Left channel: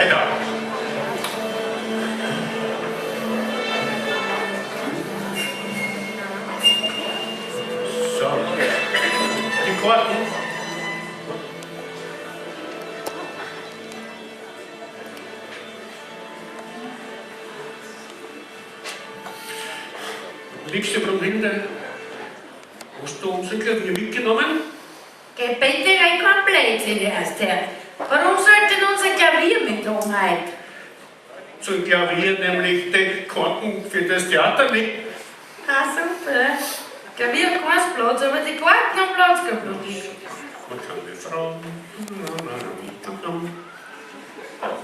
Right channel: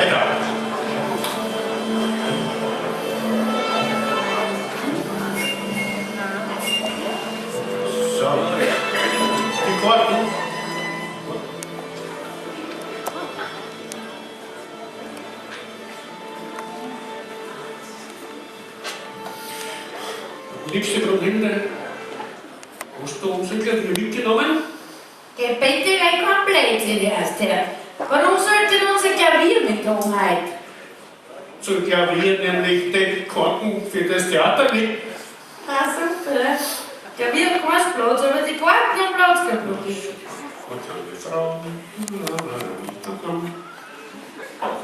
weiter. So. Die Karten. Liebste Brunhilde, hast du uns irgendwie mitgenommen? Geh bitte rein komplett in die erste Herr. Warum sollte denn unser Klavier mitkommen heute? Zum Klavier, nämlich die Karten für das Theater nicht. Ah, super. Klavier hat keinen Platz, aber die Karten haben Platz gehabt. Man kann die Frau.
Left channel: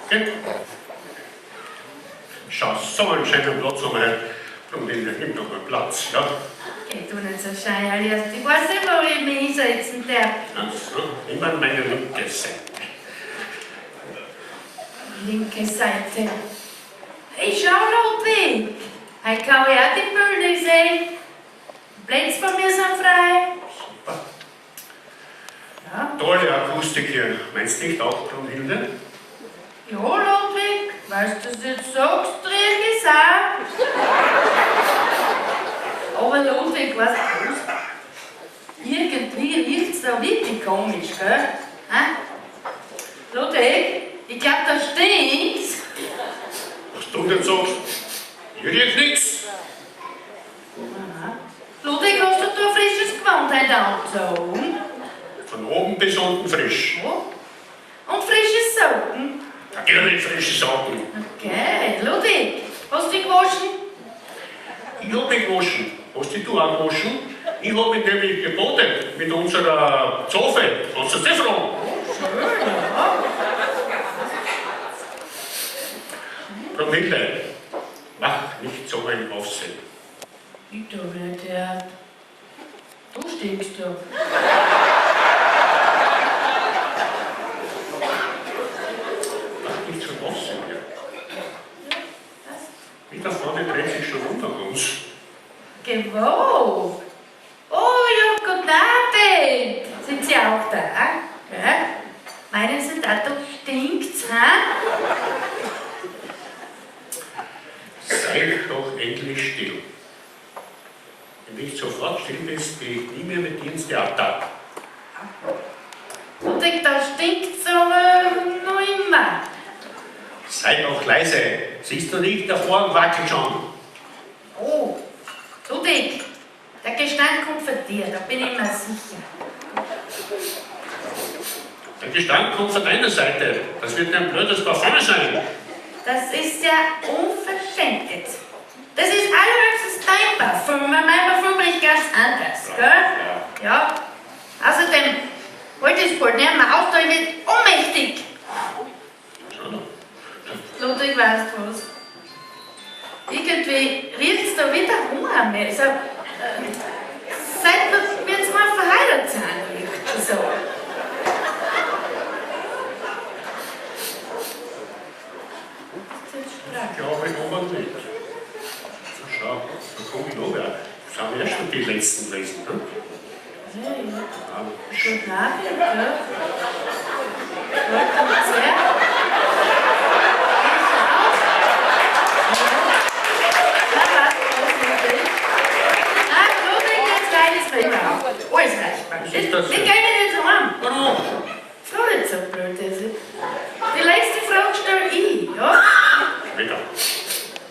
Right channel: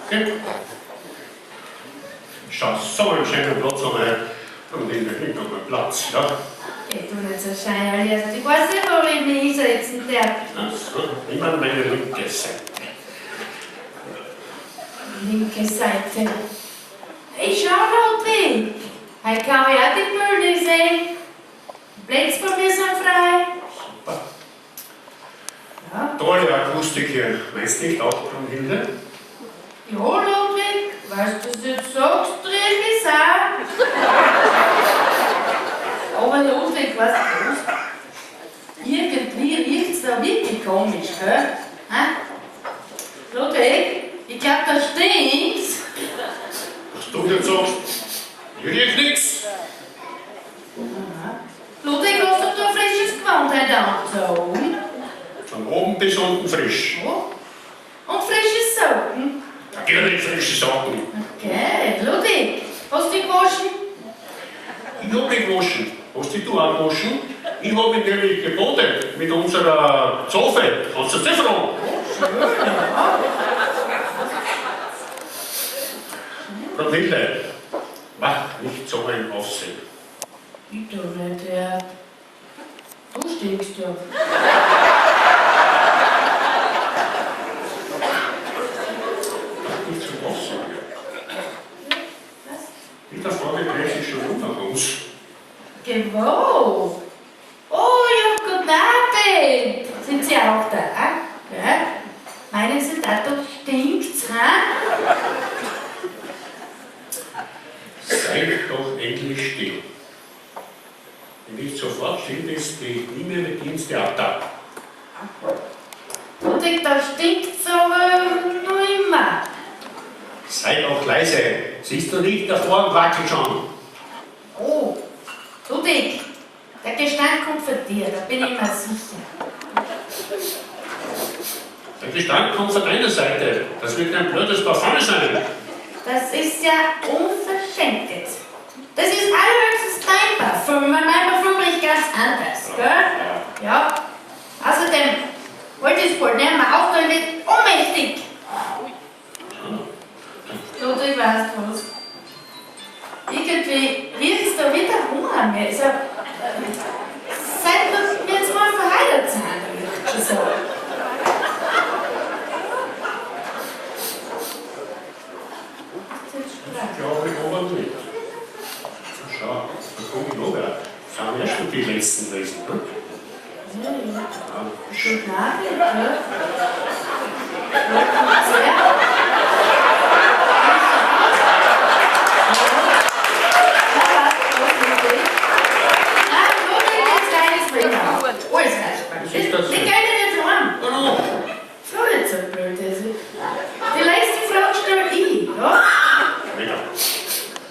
Okay. Schau, so einen schönen Platz haben wir. Und in der Hintergrund Platz, ja. Geh du nicht so schein, Alias. Ich weiß nicht, wo ich mich hinsetzen darf. Also, immer meine linke Seite. Linke Seite. Hey, schau, Ludwig. Heute kann ich auch die Bühne sehen. Plätze von mir sind frei. Super. Ja. Tolle Akustik hier. Meinst du nicht auch, Brunhilde? Ja, Ludwig, weißt du, was du jetzt sagst, drehe ich auch. Aber Ludwig, weißt du was? Irgendwie riecht's da wirklich komisch, gell? Hä? Ludwig, ich glaub, da stinkt's. Was du denn sagst? Hier riecht nichts. Ludwig, hast du da frisches Gewand heute angezogen? Von oben bis unten frisch. Ja. Und frische Socken? Natürlich frische Sachen. Okay, Ludwig, hast du dich gewaschen? Ich hab mich gewaschen. Hast dich du auch gewaschen? Ich hab mich nämlich gebadet mit unserer Zofe. Kannst du das fragen? Schön, ja. Brunhilde, mach nicht so ein Aufsehen. Ich doch nicht, ja. Wo stinkst du? Mach nicht so ein Aufsehen hier. Was? Wieder vorne dreht sich schon unter uns. Wo? Oh, ja, guten Abend. Sind Sie auch da? Ja? Meinen Sie, da stinkt's, hä? Sei doch endlich still. Wenn du nicht sofort still bist, gehe ich nie mehr mit dir ins Theater. Und da stinkt's aber noch immer. Sei doch leise. Siehst du nicht, der Vorhang wackelt schon. Oh, Ludwig, der Gestank kommt von dir, da bin ich mir sicher. Der Gestank kommt von deiner Seite. Das wird ein blödes Parfum sein. Das ist ja unverschämt jetzt. Das ist allerhöchstens dein Parfüm. Mein Parfüm riecht ganz anders, gell? Ja. Außerdem wollte ich es wohl nicht mehr auf, ich bin ohnmächtig. Ludwig, weißt du was? Irgendwie riecht es da wieder Hunger mehr. So, seit wir jetzt mal verheiratet sind, riecht es so. Ich glaube aber nicht. Na schau, da komme ich noch wer. Das haben wir ja schon die letzten Lesen, ne? Ja, ja. Ja. Guten Abend, ja. Kommt's her? Was ist das Ich denn? gehe nicht heim. Warum? Frau nicht so blöd ist. Die letzte Frage stelle ich, ja? Später.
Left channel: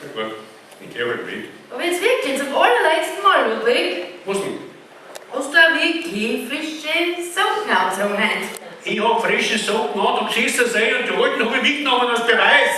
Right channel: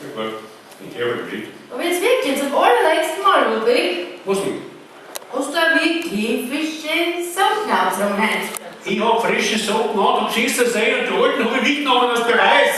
Na gut, ich höre mit. Aber jetzt wirklich, zum allerletzten Mal, Ludwig. Was denn? Hast du wirklich frische Socken angezogen? Ich hab frische Socken an, du siehst das eh und die alten habe ich mitgenommen als Beweis.